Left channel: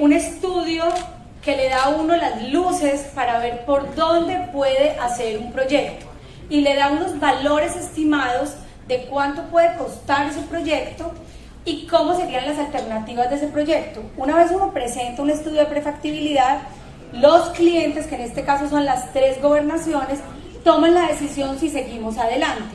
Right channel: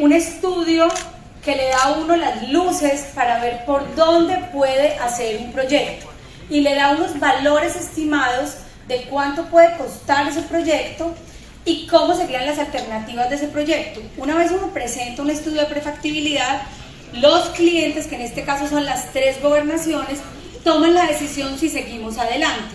un estudio que le da a uno las luces para ver por dónde puede hacer un proyecto y le da unos valores estimados de cuánto puede costar ese proyecto y cómo serían las alternativas de ese proyecto. Una vez uno presenta un estudio de prefactibilidad, los clientes, que en este caso son las 3 gobernaciones, toman la decisión si seguimos adelante.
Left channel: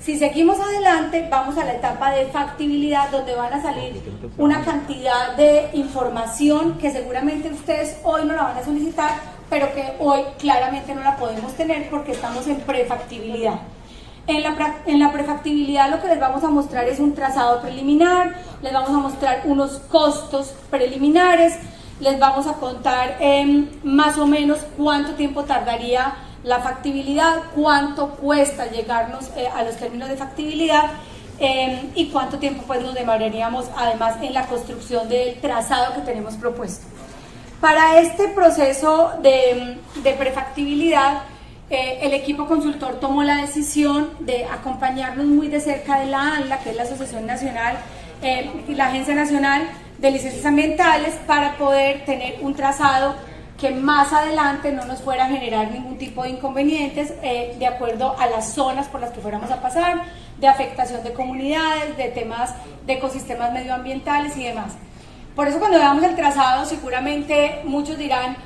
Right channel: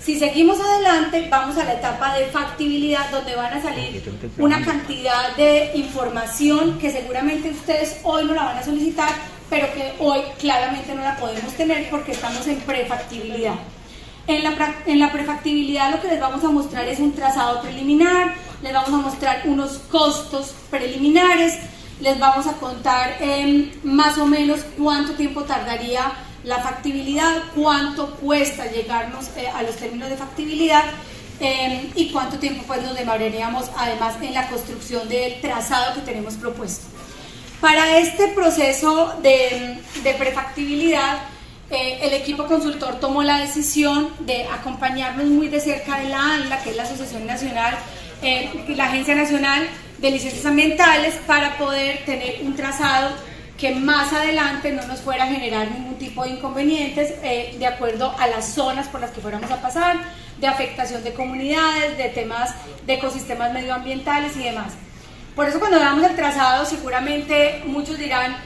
Si seguimos adelante, vamos a la etapa de factibilidad, donde van a salir una cantidad de información que seguramente ustedes hoy no la van a solicitar, pero que hoy claramente no la podemos tener porque estamos en prefactibilidad. En la prefactibilidad lo que les vamos a mostrar es un trazado preliminar, les vamos a mostrar unos costos preliminares, les vamos a contar más o menos cuánto tiempo tardaría la factibilidad, cuánto cuesta llegarnos a los términos de factibilidad y cuánto tiempo pues nos demoraríamos además en la construcción del trazado que tenemos propuesto. Para este proceso de prefactibilidad, el equipo consultor tomó la decisión de acompañarnos muy de cerca de la ANLA, que es la Asociación Nacional, la Agencia Nacional de Licencias Ambientales, para poder tener un trazado que más adelante no nos fuera a generar ningún tipo de inconvenientes de acuerdo a las zonas por las que fuéramos a pasar, de afectación de comunidades, de temas de ecosistemas medioambientales y demás. Por eso cuando veamos el trazado seguramente muchos dirán,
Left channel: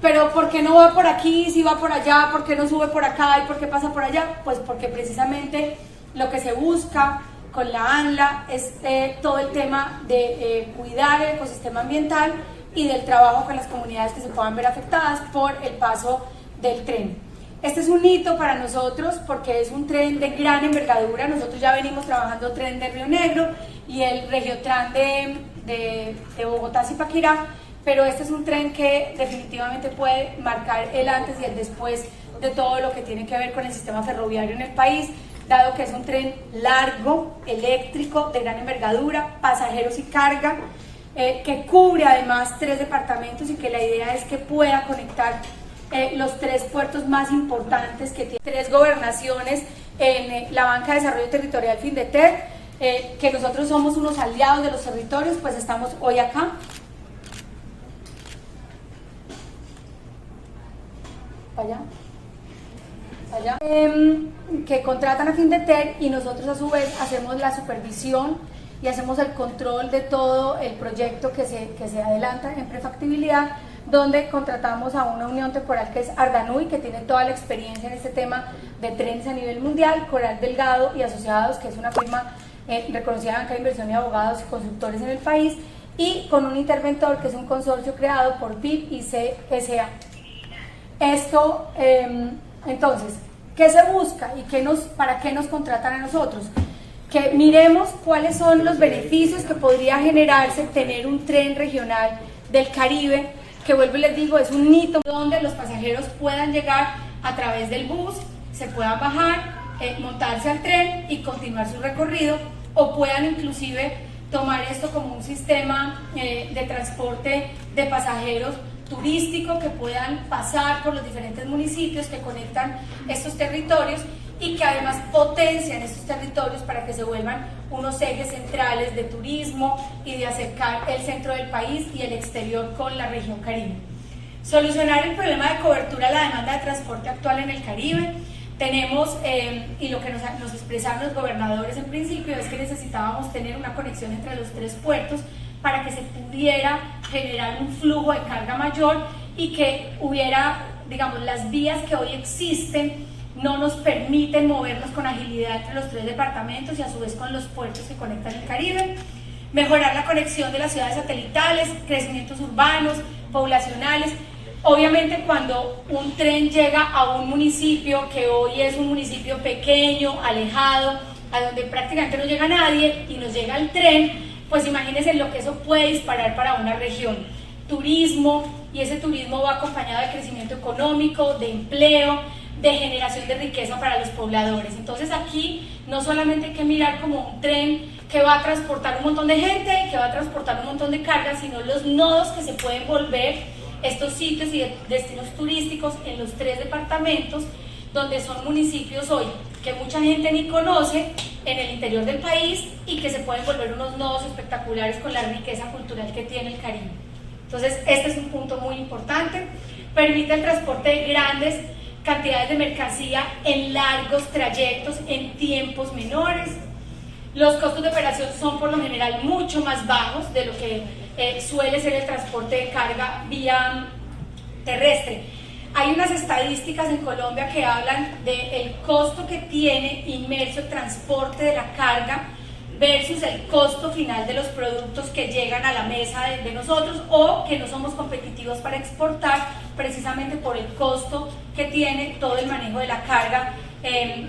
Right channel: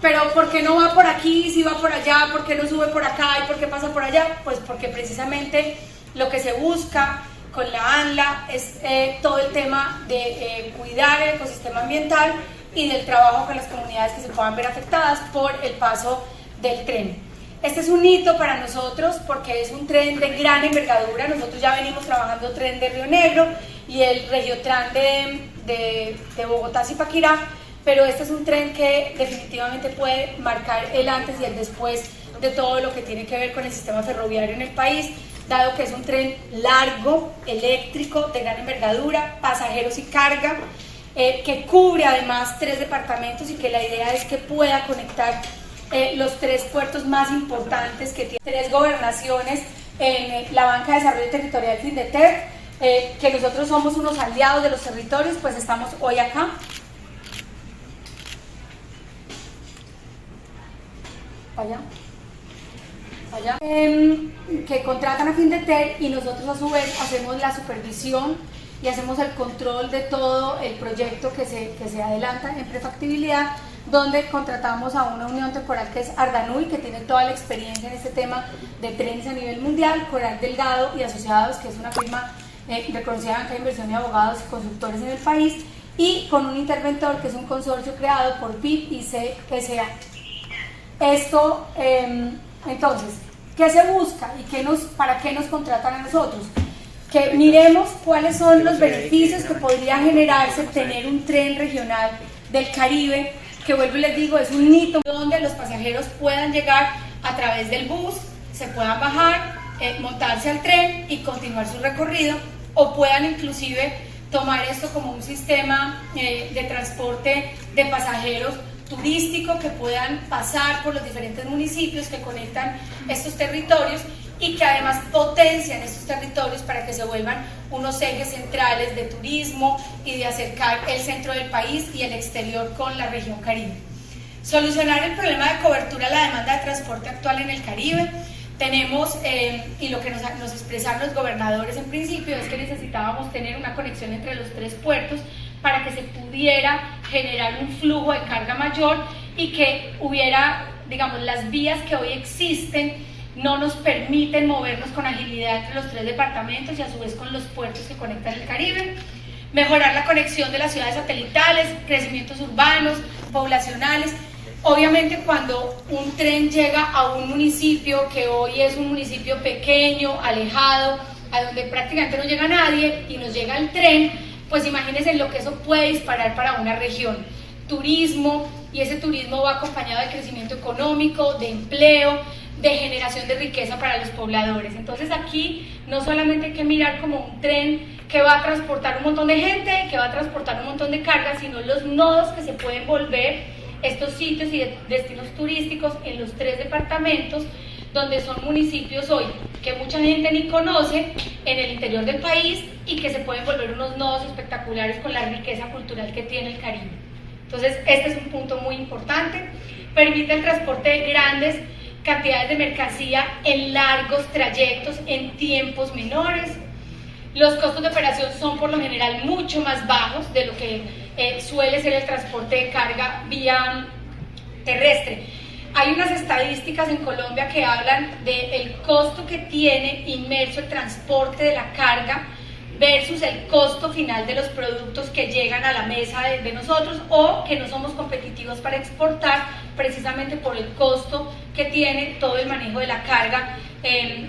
pero ¿por qué no va por aquí, si va por allá, por qué no sube por acá y por qué pasa por allá? Pues porque precisamente lo que se busca con la ANLA es todo el tema de cuidar el ecosistema ambiental y del trabajo con las comunidades que se puedan ver afectadas por el paso del tren. Este es un hito para nosotros porque es un tren de gran envergadura. Nosotros ya venimos trabajando tren de Río Negro y el Regiotran de Bogotá-Zipaquirá, pero este es un tren que definitivamente puede marcar el antes y el después de todo lo que tiene que ver con el sistema ferroviario en el país, dado que es un tren largo, eléctrico, de gran envergadura, pasajeros y carga, que cubre además 3 departamentos y que la idea es que pueda conectar los 3 puertos más importantes que tiene 3 gobernaciones en la Banca de Desarrollo Territorial Findeter, que nosotros somos unos aliados de los territorios, pues estamos hoy acá. Allá. Que contratan a Findeter y nosotros a su vez hacemos la supervisión y hacemos el control de todo el proyecto que se adelanta en prefactibilidad, donde contratamos a una unión temporal que es Ardanui, que tiene toda la experiencia en este tema de trenes a nivel mundial, Coral Delgado y Asociados, que es una firma reconocida en banca de inversión y abogados y consultores en el país, y con un interventor que es un consorcio creado por BIP y CSA. Esto, entonces, ¿qué se busca y para qué nos contratan a nosotros? Que miremos cuáles son los beneficios que podría generarse tener un tren regional del Caribe, que vuelvo y les digo, es un hito donde los pasajeros puedan llegar a través del bus, se puedan bajar, montarse al tren y continuar su recorrido, o puedan inclusive tomar esto como un sistema de transporte de pasajeros turístico, que puedan pasar por los diferentes municipios que conectan estos territorios y que además potencian estos territorios para que se vuelvan unos ejes centrales de turismo y de acercar el centro del país y el exterior con la región Caribe. Solucionar el problema de cobertura a la demanda de transporte actual en el Caribe. Tenemos, y lo que nos expresaron los gobernadores en principio, es que necesitábamos tener una conexión entre los 3 puertos para que se pudiera generar un flujo de carga mayor y que hubiera, digamos, las vías que hoy existen no nos permiten movernos con agilidad entre los 3 departamentos y a su vez con los puertos que conectan el Caribe. Mejorar la conexión de las ciudades satelitales, crecimientos urbanos, poblacionales. Obviamente cuando un tren llega a un municipio que hoy es un municipio pequeño, alejado, a donde prácticamente no llega nadie y nos llega el tren, pues imagínense lo que eso puede disparar para una región. Turismo, y ese turismo va acompañado de crecimiento económico, de empleo, de generación de riqueza para los pobladores. Entonces aquí no solamente hay que mirar como un tren que va a transportar un montón de gente, que va a transportar un montón de carga, sino los nodos que se pueden volver estos sitios y destinos turísticos en los 3 departamentos, donde son municipios hoy que mucha gente ni conoce en el interior del país y que se pueden volver unos nodos espectaculares con la riqueza cultural que tiene el Caribe. Entonces, este es un punto muy importante. Permite el transporte de grandes cantidades de mercancía en largos trayectos, en tiempos menores. Los costos de operación son por lo general mucho más bajos de lo que suele ser el transporte de carga vía terrestre. Hay unas estadísticas en Colombia que hablan del costo que tiene inmerso el transporte de la carga versus el costo final de los productos que llegan a la mesa de nosotros, o que no somos competitivos para exportar precisamente por el costo que tiene todo el manejo de la carga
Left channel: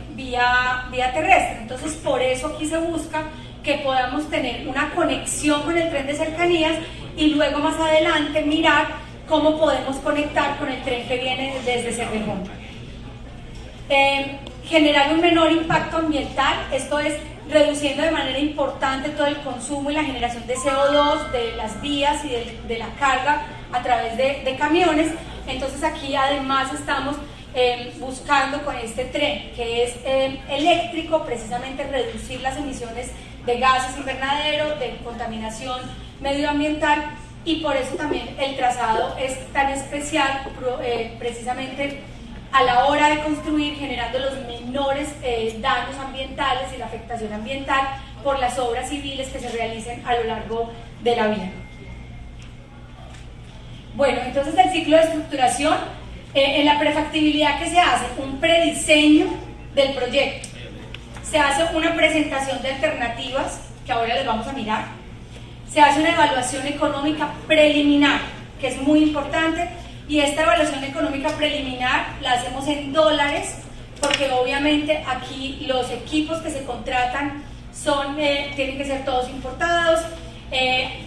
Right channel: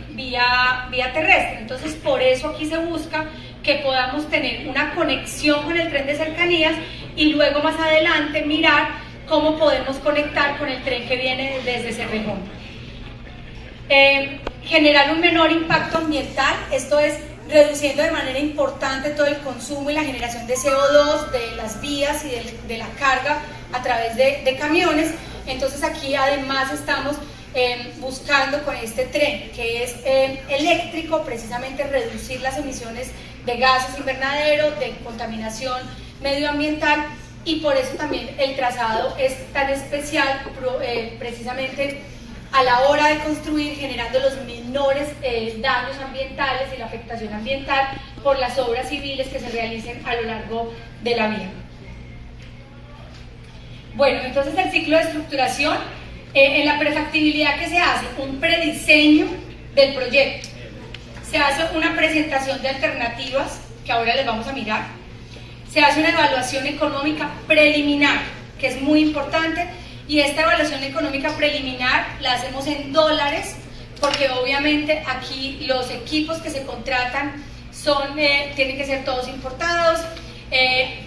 vía terrestre. Entonces, por eso aquí se busca que podamos tener una conexión con el tren de cercanías y luego más adelante mirar cómo podemos conectar con el tren que viene desde Cerrejón. Generar un menor impacto ambiental, esto es reduciendo de manera importante todo el consumo y la generación de CO2 de las vías y de la carga a través de camiones. Entonces aquí además estamos buscando con este tren que es eléctrico, precisamente reducir las emisiones de gases invernadero, de contaminación medioambiental, y por eso también el trazado es tan especial, precisamente a la hora de construir, generando los menores daños ambientales y la afectación ambiental por las obras civiles que se realicen a lo largo de la vía. Bueno, entonces el ciclo de estructuración, en la prefactibilidad, ¿qué se hace? Un prediseño del proyecto. Se hace una presentación de alternativas, que ahora les vamos a mirar. Se hace una evaluación económica preliminar, que es muy importante, y esta evaluación económica preliminar la hacemos en dólares, porque obviamente aquí los equipos que se contratan tienen que ser todos importados.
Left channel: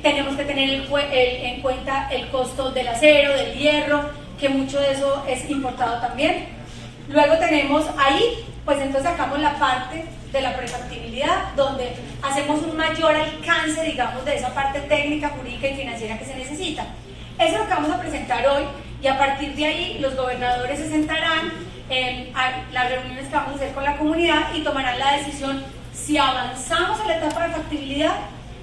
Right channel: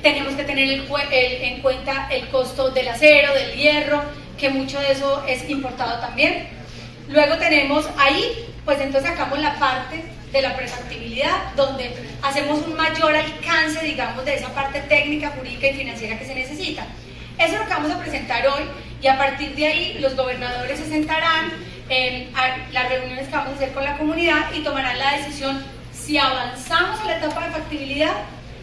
Tenemos que tener en cuenta el costo del acero, del hierro, que mucho de eso es importado también. Luego tenemos ahí, pues entonces sacamos la parte de la prefactibilidad, donde hacemos un mayor alcance, digamos, de esa parte técnica, jurídica y financiera que se necesita. Eso es lo que vamos a presentar hoy, y a partir de ahí los gobernadores se sentarán a las reuniones que vamos a hacer con la comunidad y tomarán la decisión si avanzamos a la etapa de factibilidad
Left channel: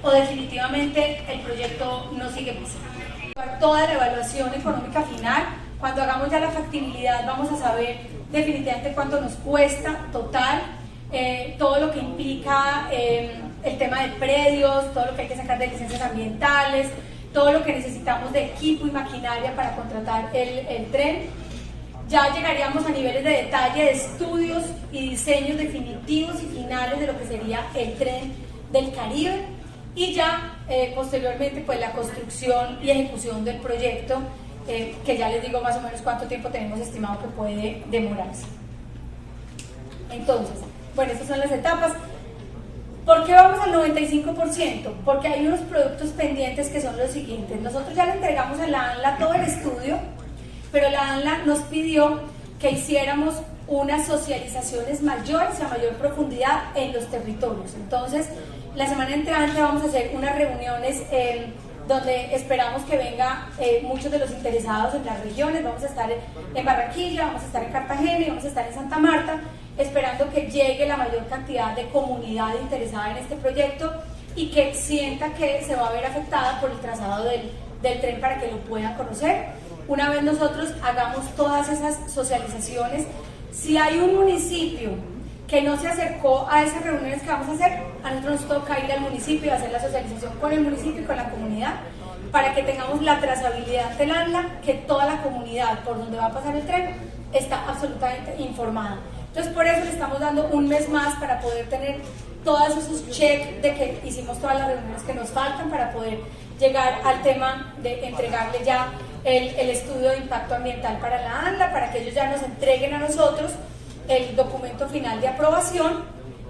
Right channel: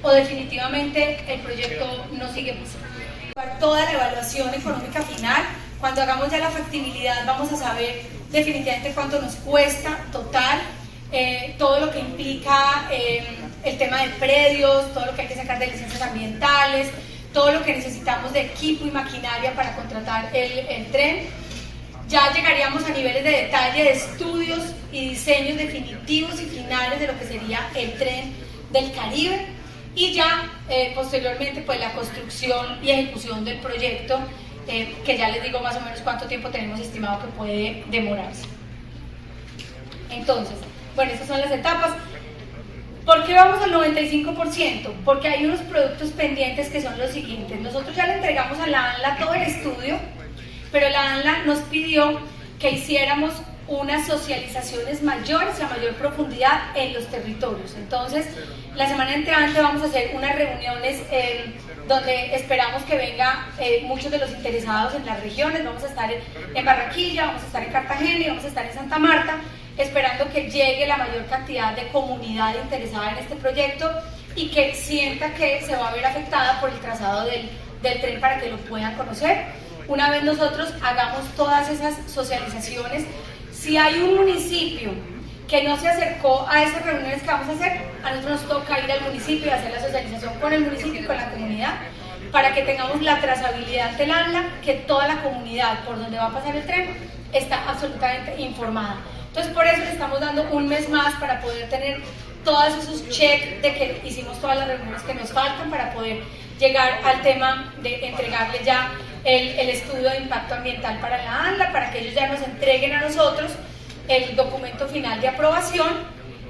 o definitivamente el proyecto no sigue más. Toda la evaluación económica final, cuando hagamos ya la factibilidad vamos a saber definitivamente cuánto nos cuesta total, todo lo que implica el tema de predios, todo lo que hay que sacar de licencias ambientales, todo lo que necesitamos de equipo y maquinaria para contratar el tren. Ya llegaríamos a niveles de detalle de estudios y diseños definitivos y finales de lo que sería el tren del Caribe, y ya posteriormente pues la construcción y ejecución del proyecto, que ya les digo más o menos cuánto tiempo tenemos estimado que puede demorarse. Entonces, bueno, estas son las etapas. ¿Por qué vamos al 95%? Porque hay unos productos pendientes que son los siguientes. Nosotros ya le entregamos a la ANLA todo el estudio, pero la ANLA nos pidió que hiciéramos unas socializaciones mayores, a mayor profundidad en los territorios. Entonces, la semana entrante vamos a hacer unas reuniones donde esperamos que vengan muchos de los interesados en las regiones. Vamos a estar en Barranquilla, vamos a estar en Cartagena y vamos a estar en Santa Marta, esperando que llegue la mayor cantidad de comunidad interesada en este proyecto y que sienta que se va a ver afectada por el trazado del tren, para que lo puedan conocer. Una vez nosotros hagamos todas esas socializaciones, si hay un municipio que no se acercó a esas reuniones que vamos a hacer, a nosotros nos toca ir al municipio y hacer la socialización con el municipio y con la comunidad, para que tengamos la trazabilidad del ANLA, que toda la comunidad por donde va a pasar el tren está absolutamente informada. Entonces, por eso le estamos dando un mes más para poder tener todos esos checks de que hicimos todas las reuniones que nos faltan, para poder llegar al tema de entregarle ya el estudio de impacto ambiental para la ANLA, para que ellos ya nos entreguen a nosotros el documento final de aprobación.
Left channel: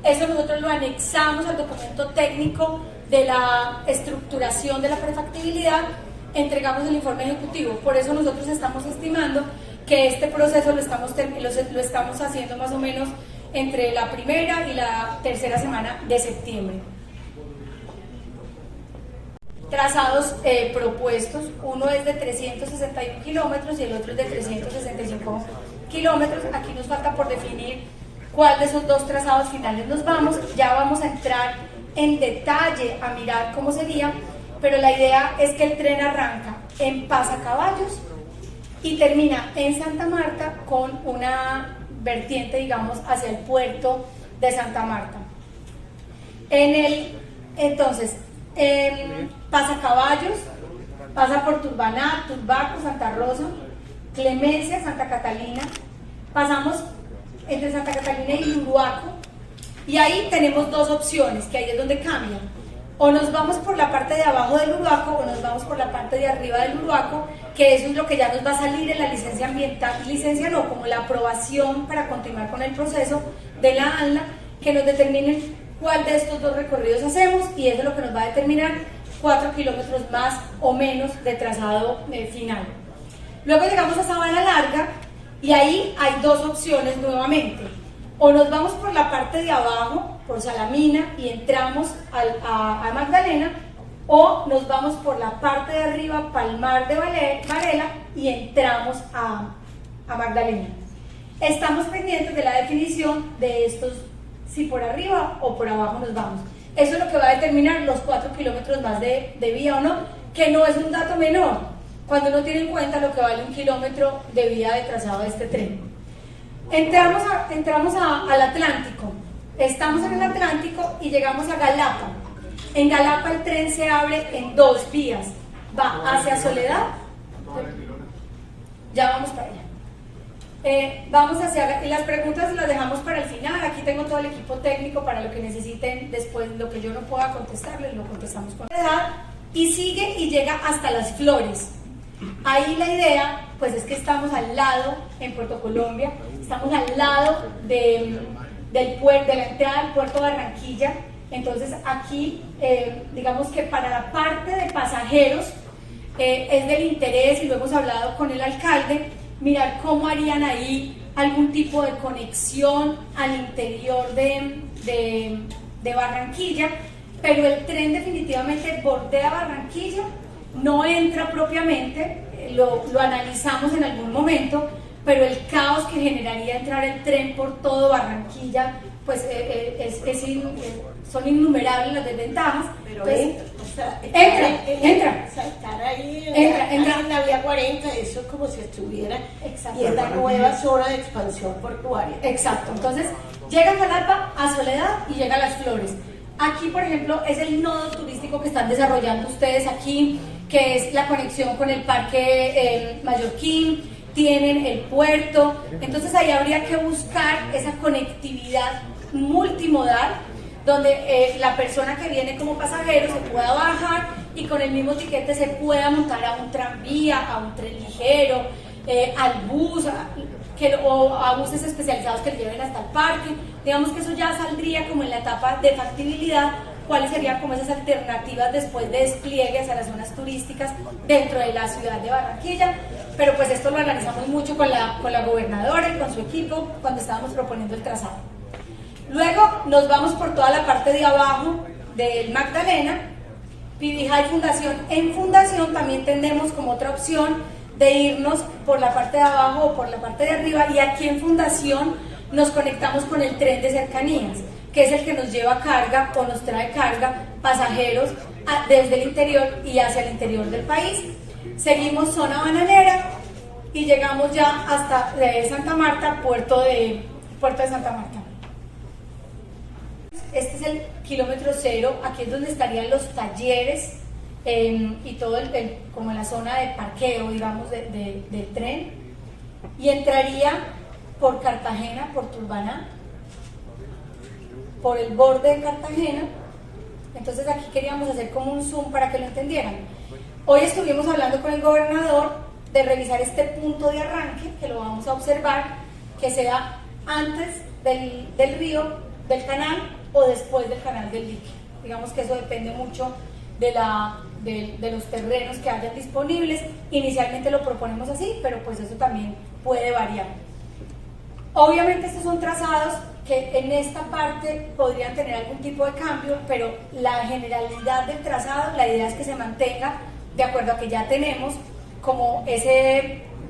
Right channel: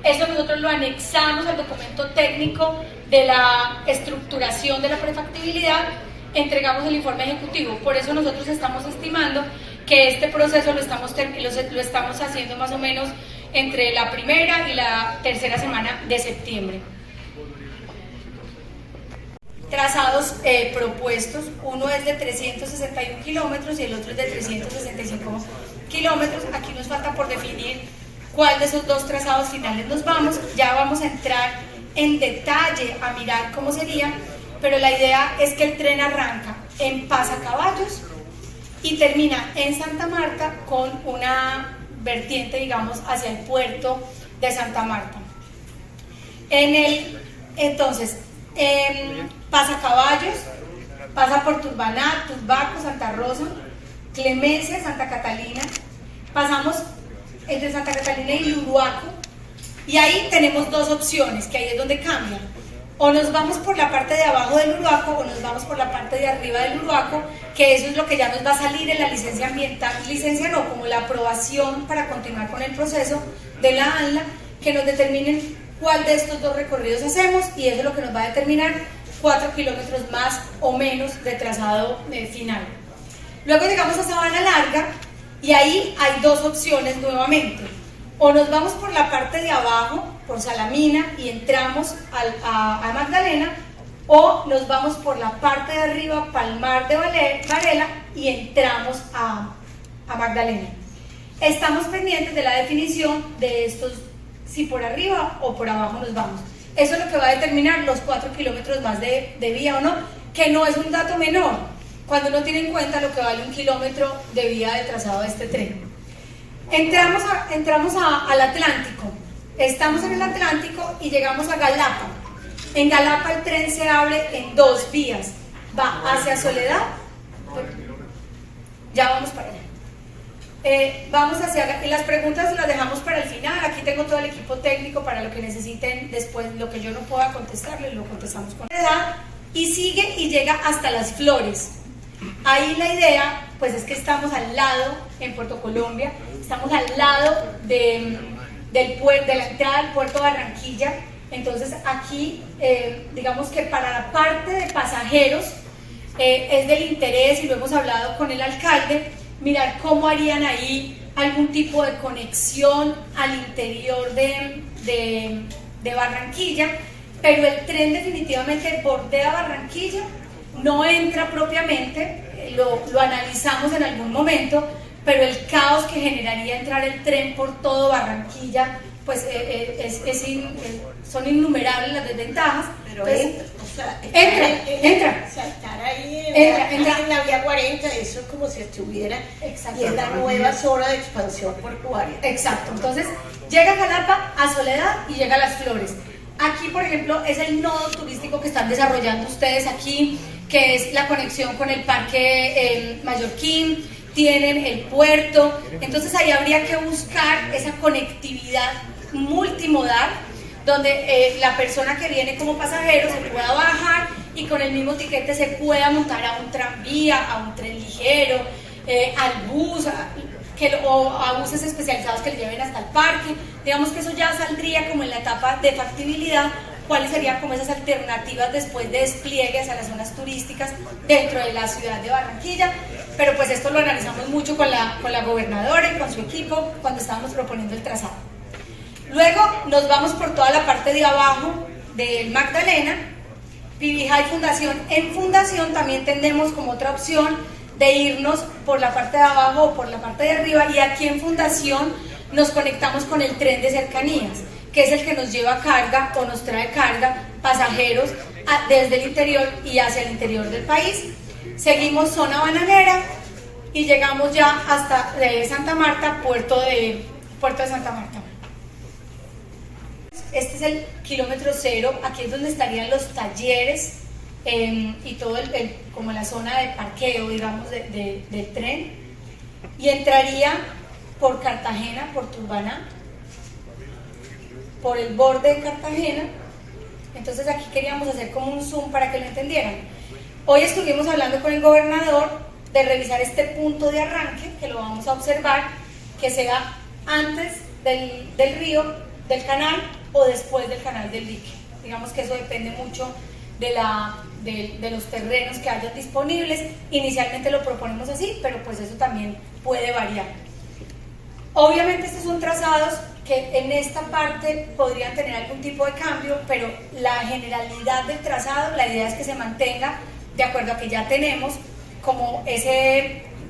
Eso nosotros lo anexamos al documento técnico de la estructuración de la prefactibilidad, entregamos el informe ejecutivo. Por eso nosotros estamos estimando que este proceso lo estamos haciendo más o menos entre la primera y la tercera semana de septiembre. Trazados propuestos, uno es de 361 kilómetros y el otro es de 365 kilómetros. Aquí nos falta por definir cuál de esos dos trazados finales nos vamos. Ya vamos a entrar en detalle a mirar cómo sería, pero la idea es que el tren arranca en Pasacaballos y termina en Santa Marta con una vertiente, digamos, hacia el puerto de Santa Marta. Entonces, Pasacaballos pasa por Turbaná, Turbaco, Santa Rosa, Clemencia, Santa Catalina, pasamos entre Santa Catalina y Luruaco, y ahí tenemos dos opciones, que ahí es donde cambian. O nos vamos por la parte de abajo del Uruaco o nos vamos por la parte de arriba del Uruaco, que eso es lo que ya nos va a salir en la licencia ambiental, licencia no, como la aprobación para continuar con el proceso de la ANLA, que nos determinen cuál de estos dos recorridos hacemos, y eso es lo que nos va a determinar 4 kilómetros más o menos de trazado final. Luego llegamos a Sabana Larga y ahí hay dos opciones nuevamente. O nos vamos por la parte de abajo, por Salamina, y entramos a Magdalena, o nos vamos por la parte de arriba, Palmar de Varela, y entramos a Magdalena. Estamos pendientes de la definición de estos, si por arriba o por abajo nos vamos. Eso es lo que va a determinar los 4 kilómetros más de vía o no, que no es un dato menor, cuando uno tiene en cuenta lo que vale 1 kilómetro de vía de trazado de este tren. Entramos al Atlántico, estamos en el Atlántico y llegamos a Galapa. En Galapa el tren se abre en dos vías, va hacia Soledad, ya vamos para allá. Vamos hacia, y las preguntas las dejamos para el final. Aquí tengo todo el equipo técnico para lo que necesiten después, lo que yo no pueda contestarles, lo contestamos con edad. Y sigue y llega hasta Las Flores. Ahí la idea, pues es que estamos al lado, en Puerto Colombia, estamos al lado de la entrada al puerto de Barranquilla. Entonces aquí, digamos que para la parte de pasajeros es del interés, y lo hemos hablado con el alcalde, mirar cómo harían ahí algún tipo de conexión al interior de Barranquilla, pero el tren definitivamente bordea Barranquilla, no entra propiamente, lo analizamos en algún momento, pero el caos que generaría entrar el tren por todo Barranquilla, pues son innumerables las desventajas. Pero entonces, entra. O sea, estar ahí en la vía 40, eso es como si estuviera en la nueva zona de expansión portuaria. Exacto, entonces llega a Jalapa, a Soledad y llega a Las Flores. Aquí, por ejemplo, es el nodo turístico que están desarrollando ustedes aquí, que es la conexión con el Parque Mallorquín, tienen el puerto, entonces ahí habría que buscar esa conectividad multimodal, donde la persona que viene como pasajero se pueda bajar y con el mismo tiquete se pueda montar a un tranvía, a un tren ligero, al bus, o a buses especializados que le lleven hasta el parque. Digamos que eso ya saldría como en la etapa de factibilidad, cuáles serían como esas alternativas después de despliegue hacia las zonas turísticas dentro de la ciudad de Barranquilla, pero pues esto lo analizamos mucho con la gobernadora y con su equipo cuando estábamos proponiendo el trazado. Luego nos vamos por toda la parte de abajo del Magdalena, Pibijá y Fundación. En Fundación también tendremos como otra opción de irnos por la parte de abajo o por la parte de arriba, y aquí en Fundación nos conectamos con el tren de cercanías, que es el que nos lleva carga o nos trae carga, pasajeros desde el interior y hacia el interior del país. Seguimos zona bananera y llegamos ya hasta Santa Marta, puerto de Santa Marta. Este es el kilómetro cero, aquí es donde estarían los talleres y todo como la zona de parqueo, digamos, del tren, y entraría por Cartagena, por Turbaná, por el borde de Cartagena. Entonces aquí queríamos hacer como un zoom para que lo entendieran. Hoy estuvimos hablando con el gobernador de revisar este punto de arranque, que lo vamos a observar, que sea antes del río, del canal, o después del canal del dique. Digamos que eso depende mucho de los terrenos que hayan disponibles. Inicialmente lo proponemos así, pero pues eso también puede variar. Obviamente estos son trazados que en esta parte podrían tener algún tipo de cambio, pero la generalidad del trazado, la idea es que se mantenga de acuerdo a que ya tenemos como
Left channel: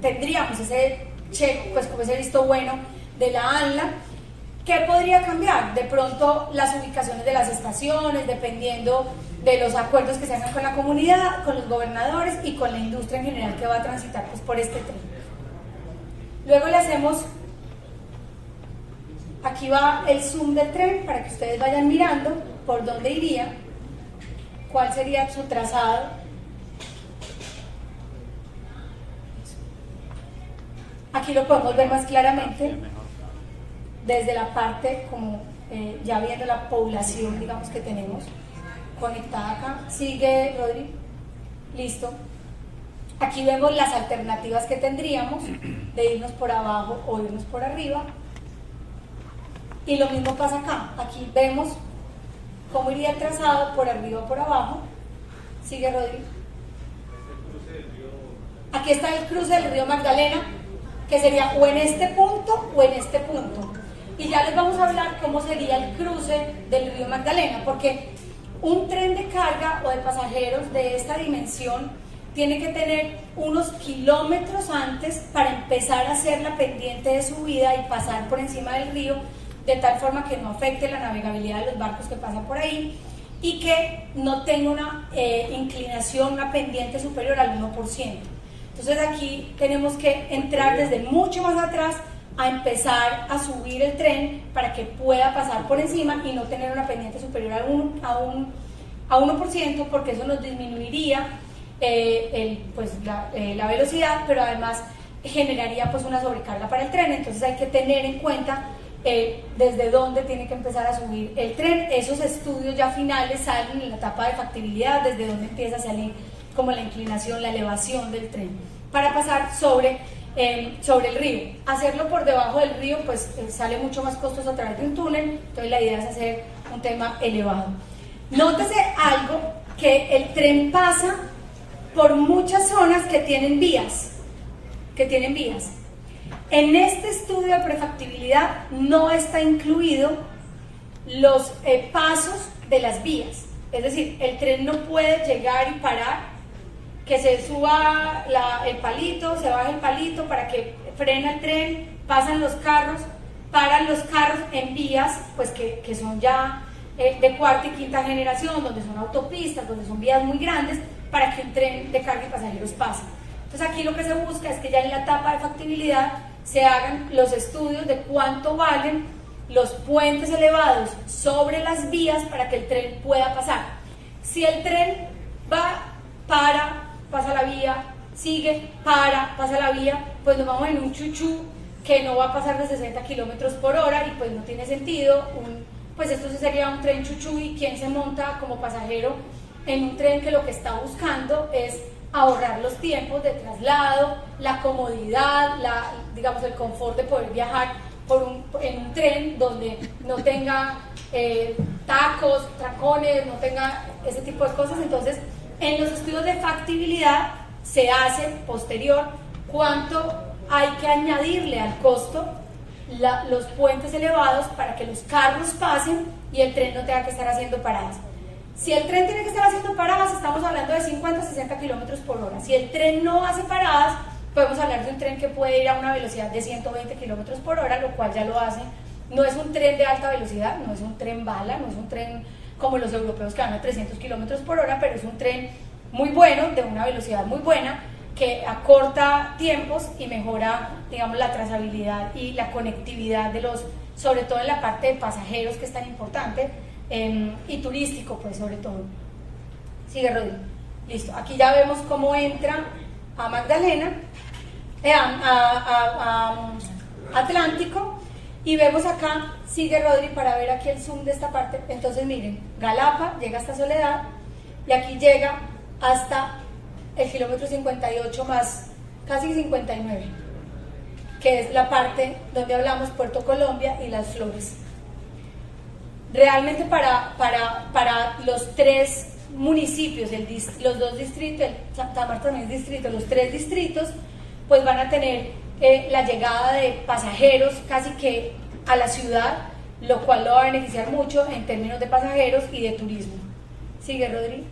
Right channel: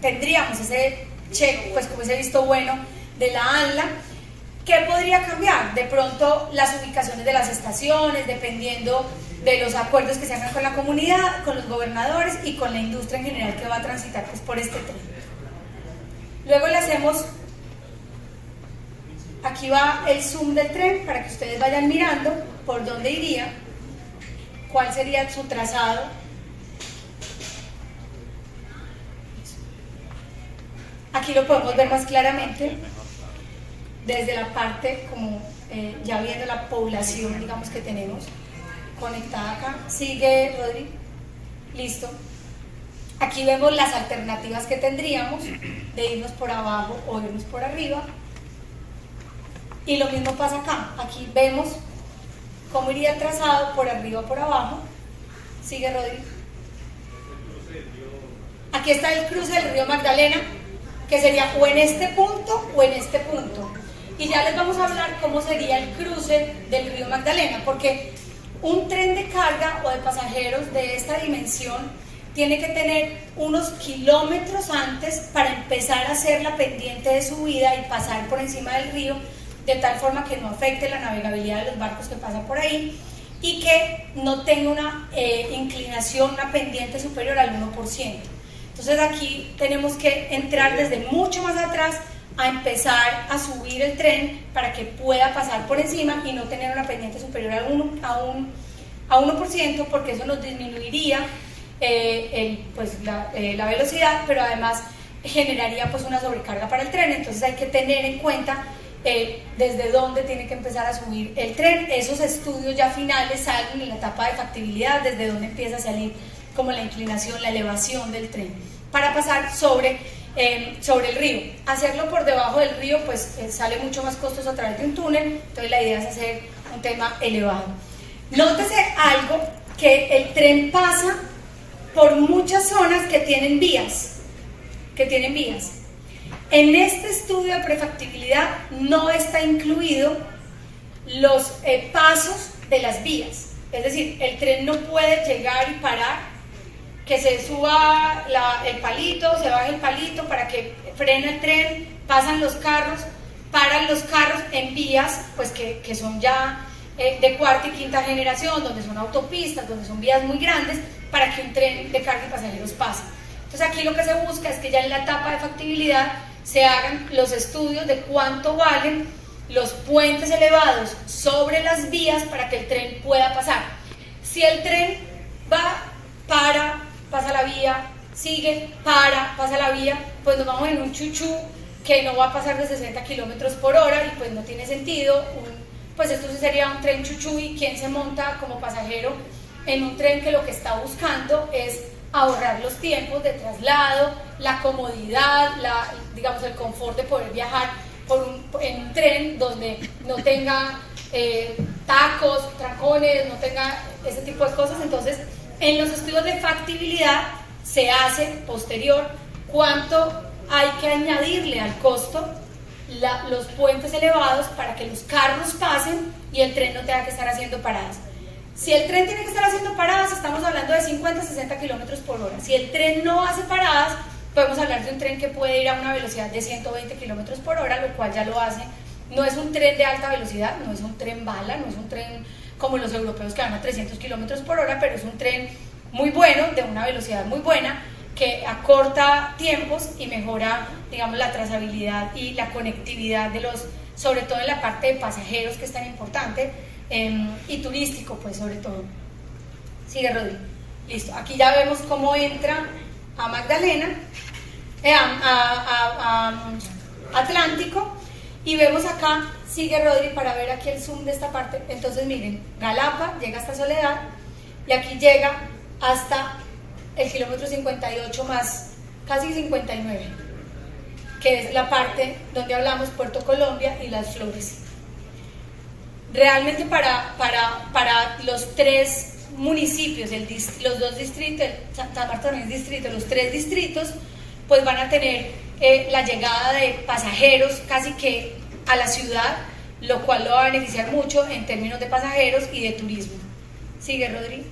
tendríamos ese check, pues como ese visto bueno de la ANLA. ¿Qué podría cambiar? De pronto las ubicaciones de las estaciones, dependiendo de los acuerdos que se hagan con la comunidad, con los gobernadores y con la industria en general que va a transitar pues, por este tren. Luego le hacemos, aquí va el zoom del tren para que ustedes vayan mirando por dónde iría, cuál sería su trazado. Aquí lo podemos ver más claramente desde la parte como ya viendo la población, digamos, que tenemos conectada acá. Sigue, Rodri. Listo. Aquí vemos las alternativas que tendríamos de irnos por abajo o irnos por arriba. Y lo mismo pasa acá. Aquí vemos cómo iría el trazado por arriba o por abajo. Sigue, Rodri. Aquí está el cruce del río Magdalena, que sería o en este punto o en este punto. Y ya les vamos a hablar cómo sería el cruce del río Magdalena, porque un tren de carga o de pasajeros de esta dimensión tiene que tener unos kilómetros antes para empezar a hacer la pendiente de subida y pasar por encima del río, de tal forma que no afecte la navegabilidad de los barcos que pasan por ahí y que no tenga una inclinación, una pendiente superior al 1%. Entonces aquí tenemos que entrar desde mucho más atrás a empezar a subir el tren para que pueda pasar por encima y no tener una pendiente superior a 1%, porque eso nos disminuiría la velocidad, pero además generaría pues una sobrecarga para el tren. Entonces hay que tener en cuenta desde dónde tiene que empezar a subir el tren. Esos estudios ya finales salen en la etapa de factibilidad, desde dónde empieza a salir como la inclinación, la elevación del tren, para pasar sobre el río. Hacerlo por debajo del río pues sale mucho más costoso a través de un túnel, entonces la idea es hacer un tema elevado. Nótese algo, que el tren pasa por muchas zonas que tienen vías. En este estudio de prefactibilidad no está incluido los pasos de las vías, es decir, el tren no puede llegar y parar, que se suba el palito, se baje el palito para que frene el tren, pasan los carros, paran los carros en vías pues que son ya de cuarta y quinta generación, donde son autopistas, donde son vías muy grandes, para que un tren de carga y pasajeros pase. Entonces aquí lo que se busca es que ya en la etapa de factibilidad se hagan los estudios de cuánto valen los puentes elevados sobre las vías para que el tren pueda pasar. Si el tren va, pasa la vía, sigue, pasa la vía, pues nos vamos en un chuchú que no va a pasar de 60 kilómetros por hora y pues no tiene sentido. Pues esto sería un tren chuchú, y quien se monta como pasajero en un tren que lo que está buscando es ahorrar los tiempos de traslado, la comodidad, digamos el confort de poder viajar en un tren donde no tenga tacos, trancones, no tenga ese tipo de cosas. Entonces en los estudios de factibilidad se hace posterior cuánto hay que añadirle al costo los puentes elevados para que los carros pasen y el tren no tenga que estar haciendo paradas. Si el tren tiene que estar haciendo paradas, estamos hablando de 50 a 60 kilómetros por hora. Si el tren no hace paradas, podemos hablar de un tren que puede ir a una velocidad de 120 kilómetros por hora, lo cual ya lo hace. No es un tren de alta velocidad, no es un tren bala, no es un tren como los europeos que van a 300 kilómetros por hora, pero es un tren muy bueno, de una velocidad muy buena, que acorta tiempos y mejora, digamos, la trazabilidad y la conectividad de sobre todo en la parte de pasajeros, que es tan importante, y turístico, pues, sobre todo. Sigue, Rodri. Listo. Aquí ya vemos cómo entra a Magdalena, a Atlántico, y vemos acá, sigue, Rodri, para ver aquí el zoom de esta parte. Entonces, miren, Galapa llega hasta Soledad, y aquí llega hasta el kilómetro 58 más casi 59, que es la parte donde hablamos Puerto Colombia y Las Flores. Realmente para los tres municipios, los dos distritos, San Bartolomé distrito, los tres distritos, pues van a tener la llegada de pasajeros casi que a la ciudad, lo cual lo va a beneficiar mucho en términos de pasajeros y de turismo. Sigue, Rodri.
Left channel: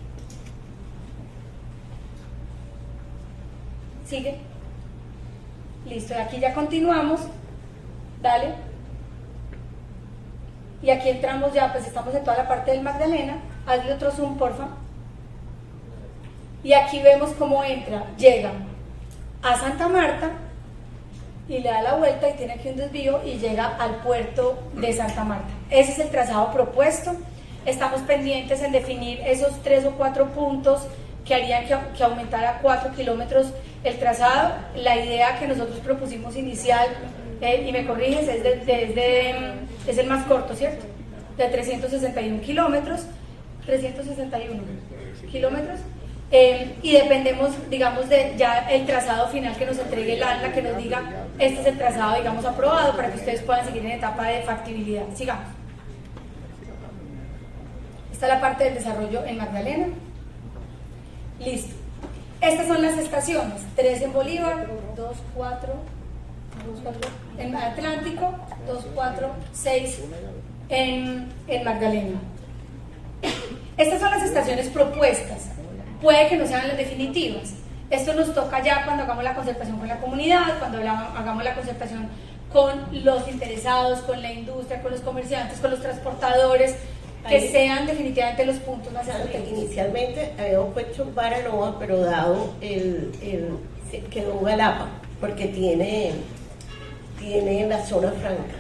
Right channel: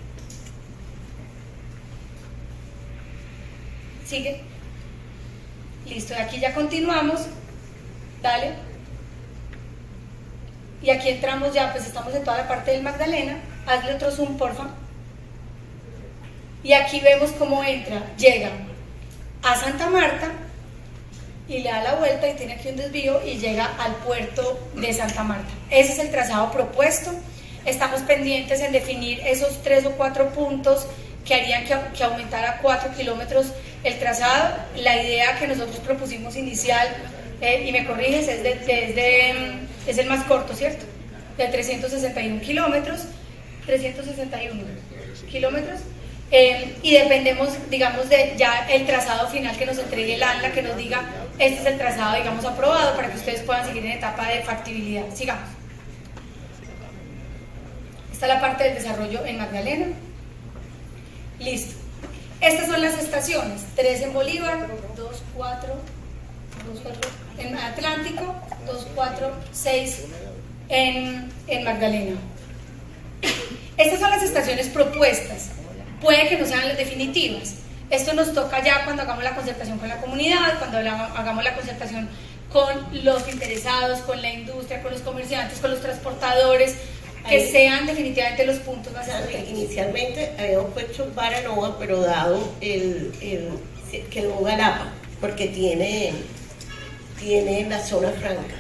Sigue. Listo, aquí ya continuamos. Dale. Y aquí entramos ya, pues estamos en toda la parte del Magdalena. Hazle otro zoom, porfa. Y aquí vemos cómo entra, llega a Santa Marta y le da la vuelta y tiene aquí un desvío y llega al puerto de Santa Marta. Ese es el trazado propuesto. Estamos pendientes en definir esos 3 o 4 puntos que harían que aumentara 4 kilómetros el trazado. La idea que nosotros propusimos inicial, y me corriges, es el más corto, ¿cierto? De 361 kilómetros, 361 kilómetros. Y dependemos, digamos, de ya el trazado final que nos entregue el ANLA, que nos diga, este es el trazado, digamos, aprobado, para que ustedes puedan seguir en etapa de factibilidad. Sigamos. Esta es la parte del desarrollo en Magdalena. Listo. Estas son las estaciones, 3 en Bolívar, 2, 4 en Atlántico, 2, 4, 6 en Magdalena. Estas son las estaciones propuestas. Puede que no sean las definitivas. Esto nos toca ya cuando hagamos la concertación con la comunidad, cuando hagamos la concertación con los interesados, con la industria, con los comerciantes, con los transportadores, que ahí sean definitivamente los puntos más estratégicos. Inicialmente habíamos puesto Baranoa, pero dado quedó Galapa, porque tiene la zona franca.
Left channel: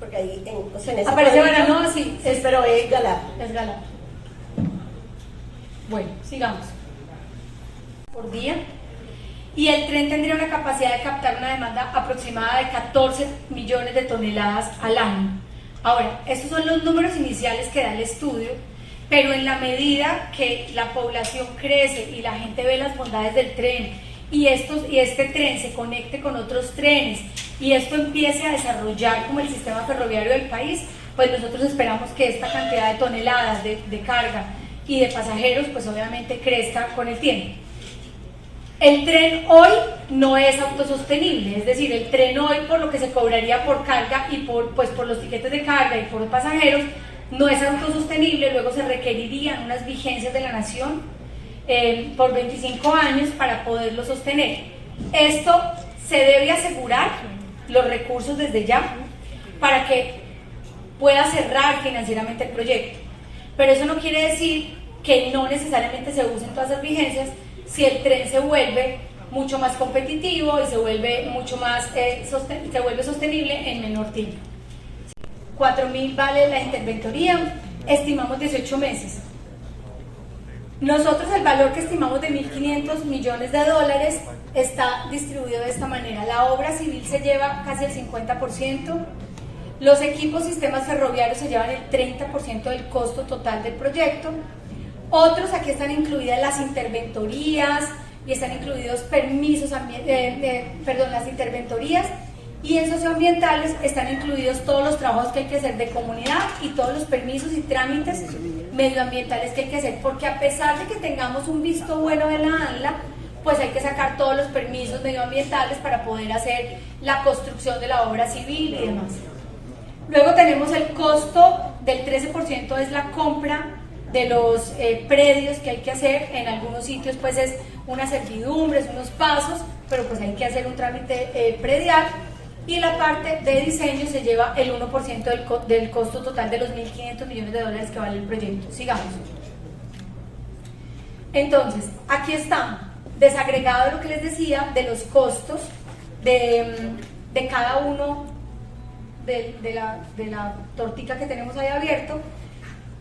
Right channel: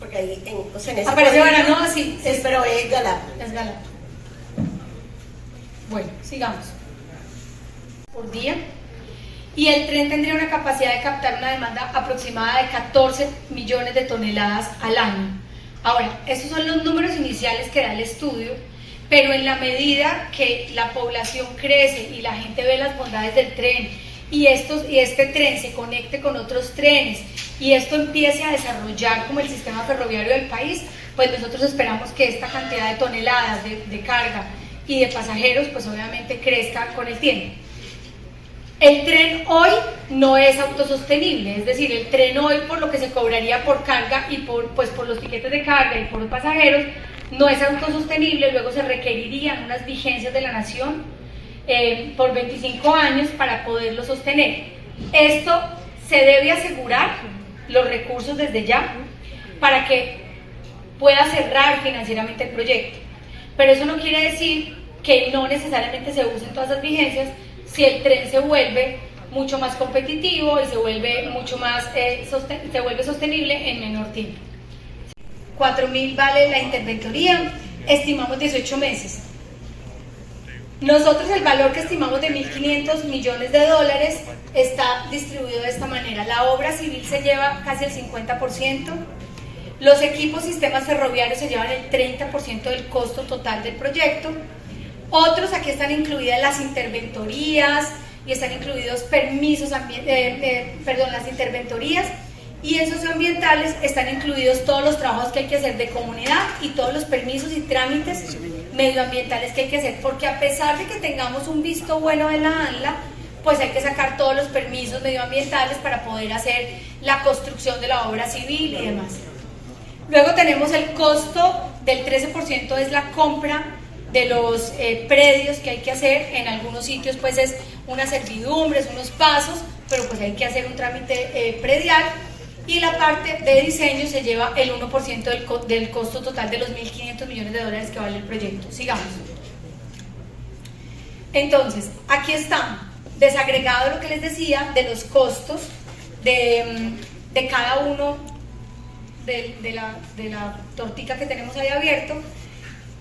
Porque ahí, o sea, en ese aparece Baranoa, sí, pero es Galapa. Es Galapa. Bueno, sigamos. Por día. Y el tren tendría una capacidad de captar una demanda aproximada de 14 millones de toneladas al año. Ahora, estos son los números iniciales que da el estudio, pero en la medida que la población crece y la gente ve las bondades del tren y este tren se conecte con otros trenes y esto empiece a desarrollar como el sistema ferroviario del país, pues nosotros esperamos que esta cantidad de toneladas de carga y de pasajeros pues obviamente crezca con el tiempo. El tren hoy no es autosostenible, es decir, el tren hoy por lo que se cobraría por carga y por los tiquetes de carga y por los pasajeros no es autosostenible, luego se requerirían unas vigencias de la nación por 25 años para poderlo sostener. Esto se debe asegurar los recursos desde ya para que pueda cerrar financieramente el proyecto, pero eso no quiere decir que no necesariamente se usen todas las vigencias si el tren se vuelve mucho más competitivo y se vuelve mucho más sostenible en menor tiempo. 4.000 vale la interventoría, estimamos 18 meses. Nosotros el valor que estimamos de 1.500 millones de dólares está distribuido de esta manera. La obra civil se lleva casi el 50%, los equipos sistemas ferroviarios se llevan el 30% del costo total del proyecto. Otros, aquí están incluidas las interventorías y están incluidos permisos, las interventorías y en socioambientales están incluidos todos los trabajos que hay que hacer de comunidad y todos los permisos y trámites medioambientales que hay que hacer, porque a pesar de que tengamos un visto bueno de la ANLA, pues hay que sacar todos los permisos medioambientales para poder hacer la construcción de la obra civil y demás. Luego tenemos el costo del 13%, es la compra de los predios que hay que hacer. En algunos sitios pues es unas servidumbres, unos pasos, pero pues hay que hacer un trámite predial, y la parte de diseño se lleva el 1% del costo total de los 1.500 millones de dólares que vale el proyecto. Sigamos. Entonces, aquí está desagregado lo que les decía de los costos de cada uno de la tortica que tenemos ahí abierto.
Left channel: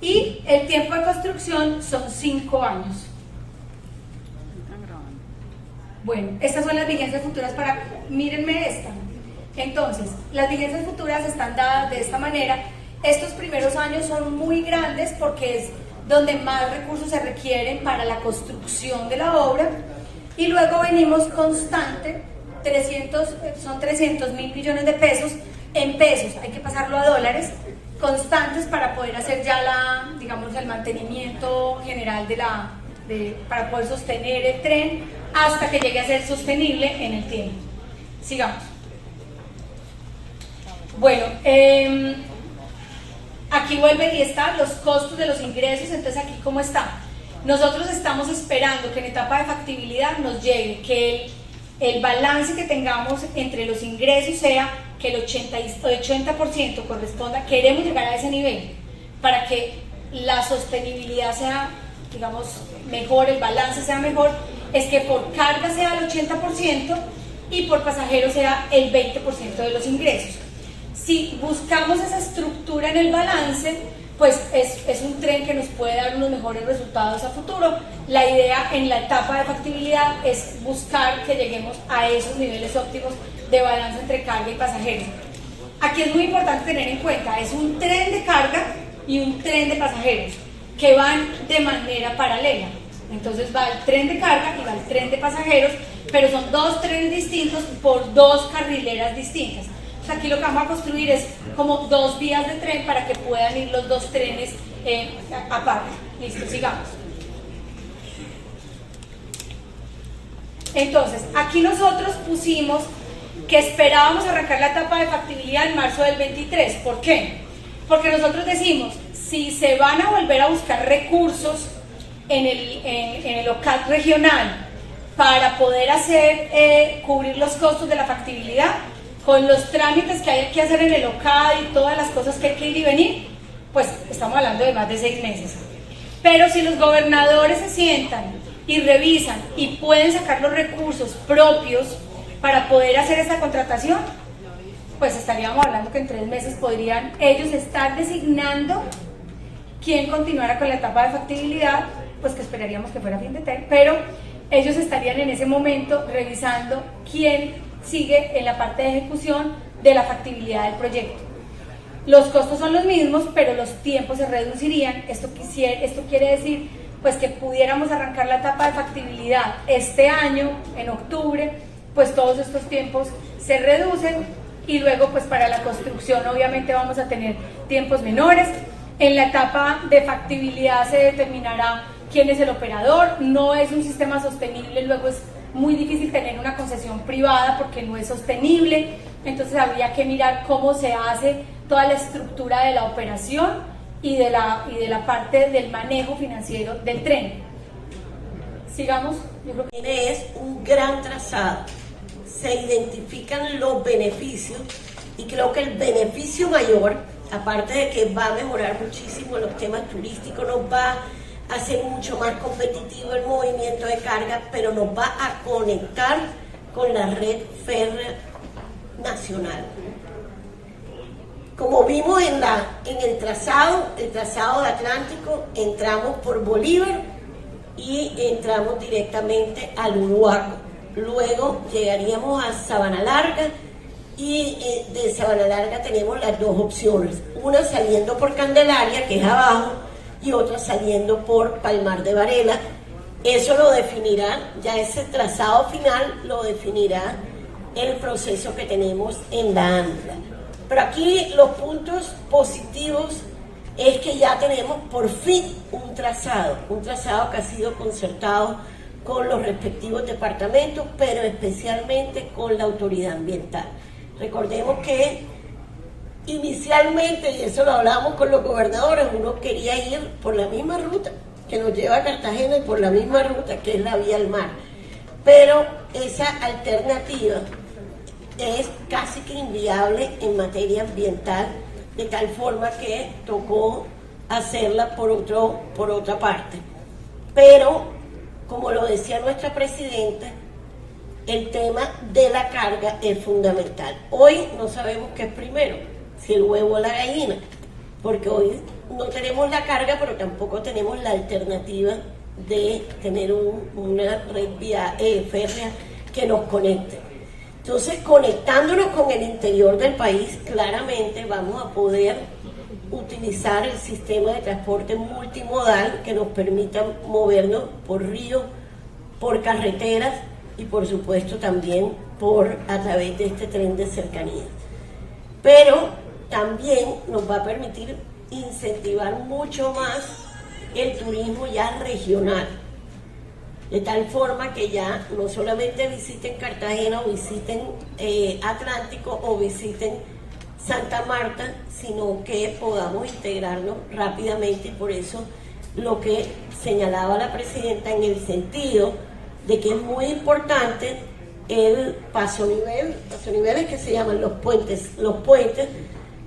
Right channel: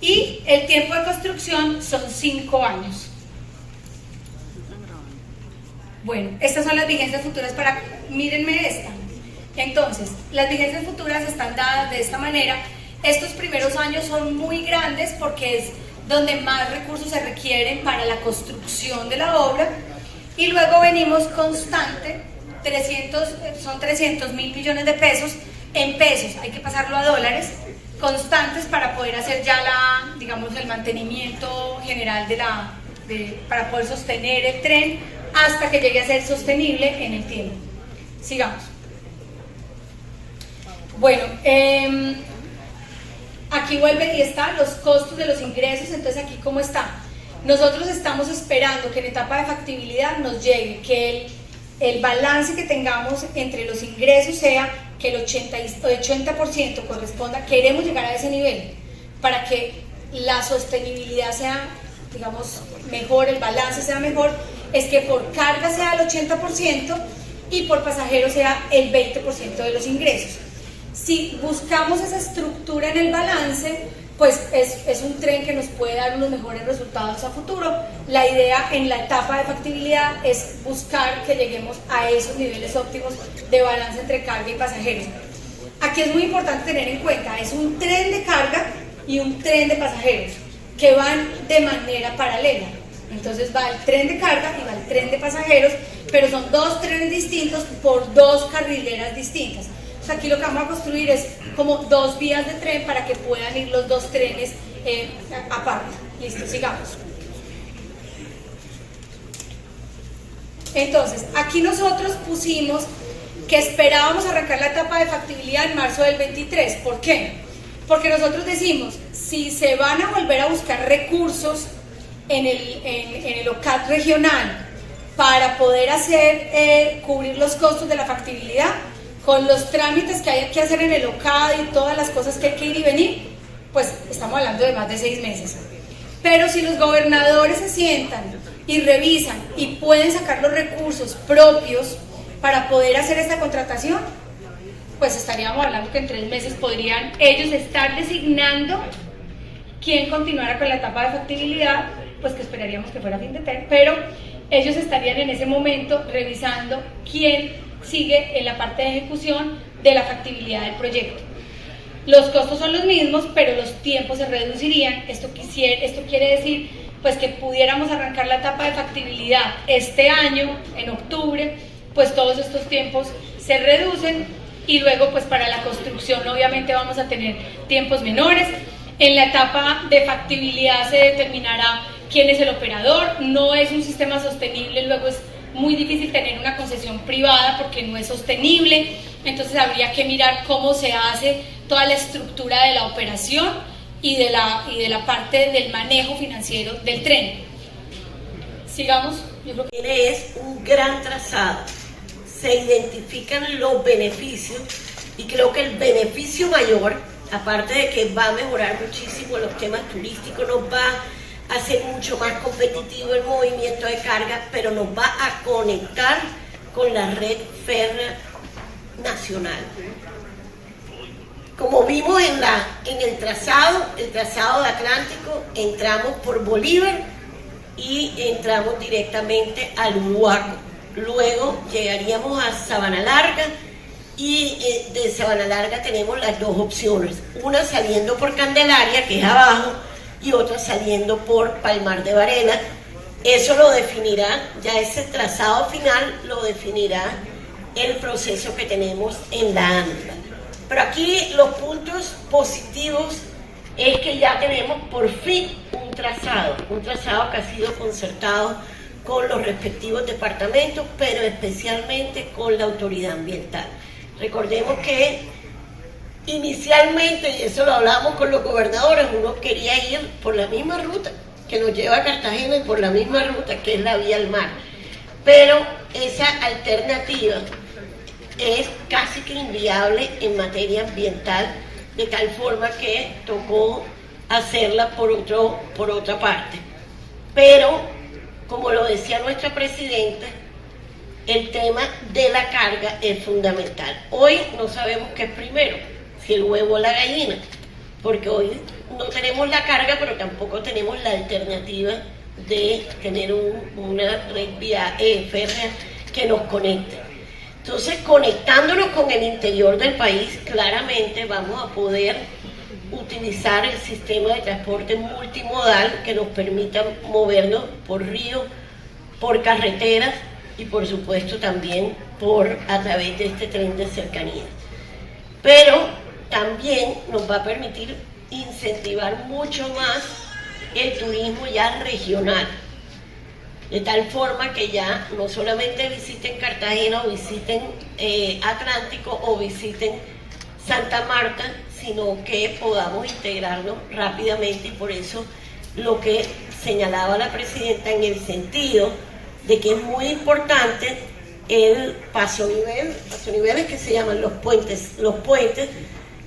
Y el tiempo de construcción son 5 años. Bueno, estas son las vigencias futuras para... Mírenme esta. Entonces, las vigencias futuras están dadas de esta manera. Estos primeros años son muy grandes porque es donde más recursos se requieren para la construcción de la obra. Y luego venimos constante, son 300.000 millones de pesos. En pesos, hay que pasarlo a dólares constantes para poder hacer ya el mantenimiento general para poder sostener el tren hasta que llegue a ser sostenible en el tiempo. Sigamos. Bueno, aquí vuelven y están los costos de los ingresos. Entonces aquí cómo está. Nosotros estamos esperando que en etapa de factibilidad nos llegue, que el balance que tengamos entre los ingresos sea que el 80% corresponda. Queremos llegar a ese nivel para que la sostenibilidad sea digamos, mejor, el balance sea mejor, es que por carga sea el 80% y por pasajero sea el 20% de los ingresos. Si buscamos esa estructura en el balance, pues es un tren que nos puede dar unos mejores resultados a futuro. La idea en la etapa de factibilidad es buscar que lleguemos a esos niveles óptimos de balance entre carga y pasajeros. Aquí es muy importante tener en cuenta, es un tren de carga y un tren de pasajeros que van de manera paralela. Entonces va el tren de carga y va el tren de pasajeros, pero son dos trenes distintos por dos carrileras distintas. Aquí lo que vamos a construir es como dos vías de tren para que puedan ir los dos trenes aparte. Listo, sigamos. Entonces, aquí nosotros pusimos que esperábamos arrancar la etapa de factibilidad en marzo del 23. ¿Por qué? Porque nosotros decimos, si se van a volver a buscar recursos en el OCAT regional para poder cubrir los costos de la factibilidad, con los trámites que hay que hacer en el OCAD y todas las cosas que hay que ir y venir, pues estamos hablando de más de 6 meses. Pero si los gobernadores se sientan y revisan y pueden sacar los recursos propios para poder hacer esta contratación, pues estaríamos hablando que en 3 meses podrían ellos estar designando quién continuara con la etapa de factibilidad, pues que esperaríamos que fuera fin de TER, pero ellos estarían en ese momento revisando quién sigue en la parte de ejecución de la factibilidad del proyecto. Los costos son los mismos, pero los tiempos se reducirían. Esto quiere decir pues que pudiéramos arrancar la etapa de factibilidad este año, en octubre, pues todos estos tiempos se reducen y luego pues para la construcción obviamente vamos a tener tiempos menores. En la etapa de factibilidad se determinará quién es el operador, no es un sistema sostenible, luego es muy difícil tener una concesión privada porque no es sostenible, entonces habría que mirar cómo se hace toda la estructura de la operación y de la parte del manejo financiero del tren. Sigamos. Yo creo que es un gran trazado, se identifican los beneficios y creo que el beneficio mayor, aparte de que va a mejorar muchísimo los temas turísticos, nos va hacer mucho más competitivo el movimiento de carga, pero nos va a conectar con la red férrea nacional. Como vimos en el trazado de Atlántico, entramos por Bolívar y entramos directamente al Huaco. Luego llegaríamos a Sabana Larga y de Sabana Larga tenemos las dos opciones, una saliendo por Candelaria, que es abajo, y otra saliendo por Palmar de Varela. Eso lo definirá, ya ese trazado final lo definirá el proceso que tenemos en la ANDA. Pero aquí los puntos positivos es que ya tenemos por fin un trazado que ha sido concertado con los respectivos departamentos, pero especialmente con la autoridad ambiental. Recordemos que inicialmente, y eso lo hablamos con los gobernadores, uno quería ir por la misma ruta que nos lleva a Cartagena y por la misma ruta que es la vía al mar, pero esa alternativa es casi que inviable en materia ambiental, de tal forma que tocó hacerla por otra parte. Pero, como lo decía nuestra presidenta, el tema de la carga es fundamental. Hoy no sabemos qué es primero, si el huevo o la gallina, porque hoy no tenemos la carga, pero tampoco tenemos la alternativa de tener una red férrea que nos conecte. Entonces, conectándonos con el interior del país, claramente vamos a poder utilizar el sistema de transporte multimodal que nos permita movernos por río, por carreteras y por supuesto también a través de este tren de cercanía. Pero también nos va a permitir incentivar mucho más el turismo ya regional, de tal forma que ya no solamente visiten Cartagena o visiten Atlántico o visiten Santa Marta, sino que podamos integrarnos rápidamente, y por eso lo que señalaba la presidenta en el sentido de que es muy importante el paso nivel, paso niveles que se llaman los puentes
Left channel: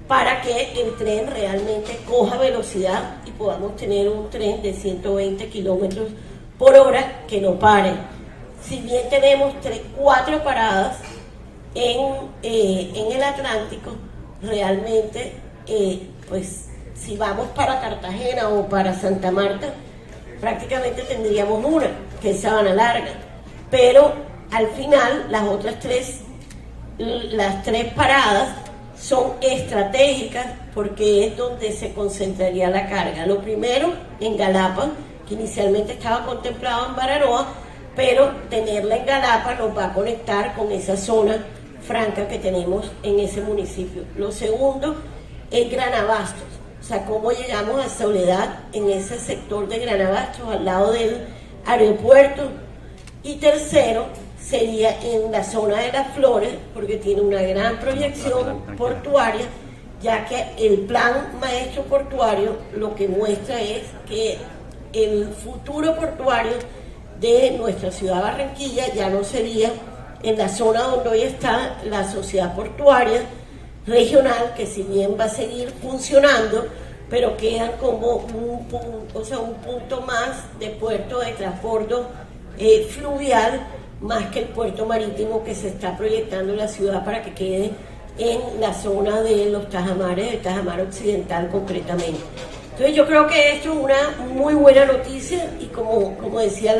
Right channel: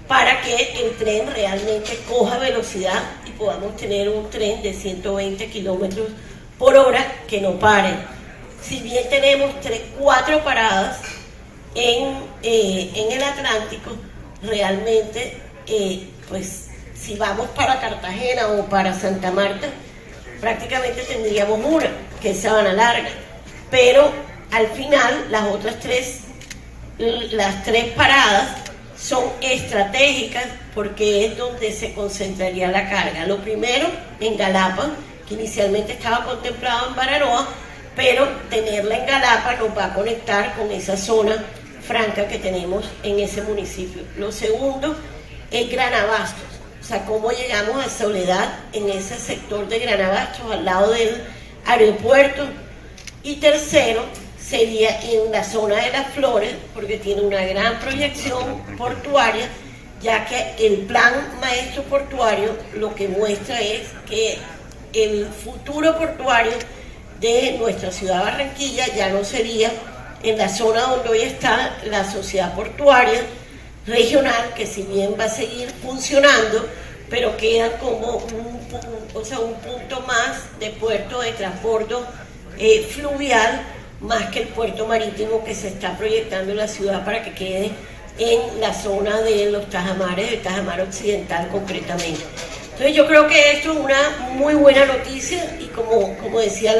para que el tren realmente coja velocidad y podamos tener un tren de 120 kilómetros por hora que no pare. Si bien tenemos 4 paradas en el Atlántico, realmente, pues si vamos para Cartagena o para Santa Marta, prácticamente tendríamos una, que es Sabana Larga. Pero al final, las tres paradas son estratégicas porque es donde se concentraría la carga. Lo primero, en Galapa, que inicialmente estaba contemplado en Bararoa, pero tenerla en Galapa nos va a conectar con esa zona franca que tenemos en ese municipio. Lo segundo es Gran Abastos, o sea, cómo llegamos a Soledad en ese sector de Gran Abastos, al lado del aeropuerto. Y tercero, sería en la zona de Las Flores, porque tiene una gran proyección portuaria, ya que el plan maestro portuario lo que muestra es que el futuro portuario de nuestra ciudad Barranquilla ya no sería en la zona donde hoy está la sociedad portuaria regional, que si bien va a seguir funcionando, pero queda como un punto más de puerto de transbordo fluvial, más que el puerto marítimo que se está proyectando en la ciudad para que quede en la zona de los Tajamares, el Tajamar Occidental concretamente. Entonces yo creo que esto es una muy buena noticia y como decía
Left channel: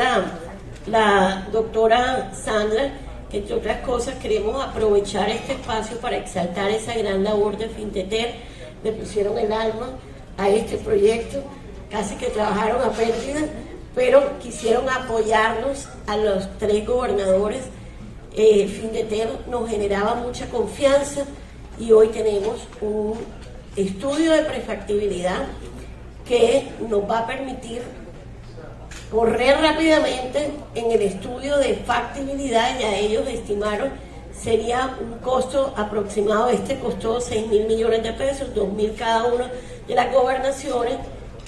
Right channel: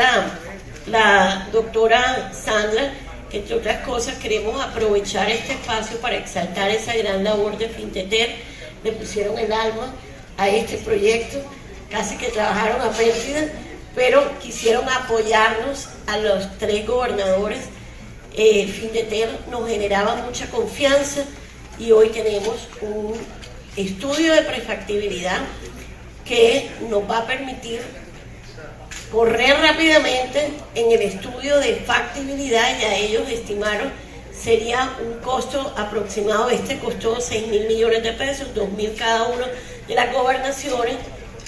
la doctora Sandra, que entre otras cosas queremos aprovechar este espacio para exaltar esa gran labor de Finteter. Le pusieron el alma a este proyecto, casi que trabajaron a pérdida, pero quisieron apoyarnos a los 3 gobernadores. Finteter nos generaba mucha confianza y hoy tenemos un estudio de prefactibilidad que nos va a permitir correr rápidamente en el estudio de factibilidad. Ya ellos estimaron sería un costo aproximado, costó 6.000 millones de pesos, 2.000 cada uno de las gobernaciones,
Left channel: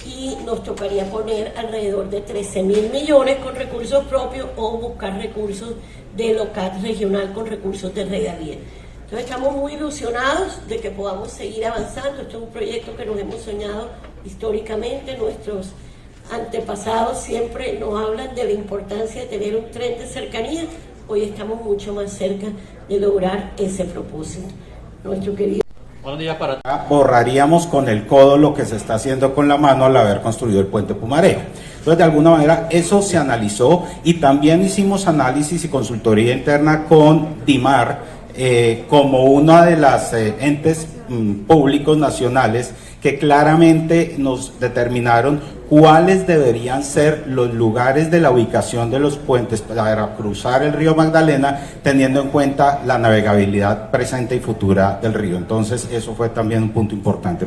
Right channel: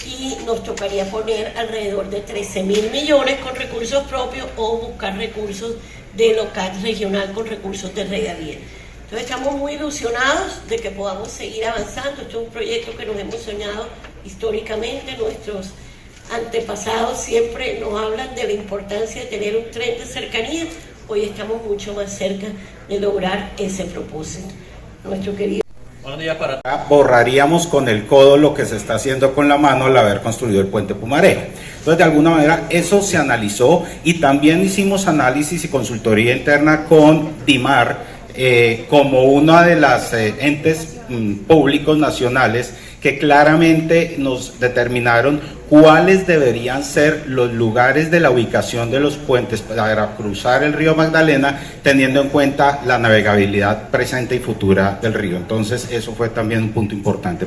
y nos tocaría poner alrededor de 13.000 millones con recursos propios o buscar recursos de local regional con recursos de regalía. Entonces estamos muy ilusionados de que podamos seguir avanzando. Este es un proyecto que nos hemos soñado históricamente. Nuestros antepasados siempre nos hablan de la importancia de tener un tren de cercanía. Hoy estamos mucho más cerca de lograr ese propósito. Nuestro querido... Borraríamos con el codo lo que se está haciendo con la mano al haber construido el puente Pumareja. Entonces, de alguna manera, eso se analizó y también hicimos análisis y consultoría interna con DIMAR, como una de las entes públicos nacionales que claramente nos determinaron cuáles deberían ser los lugares de la ubicación de los puentes para cruzar el río Magdalena, teniendo en cuenta la navegabilidad presente y futura del río. Entonces, eso fue también un punto importante.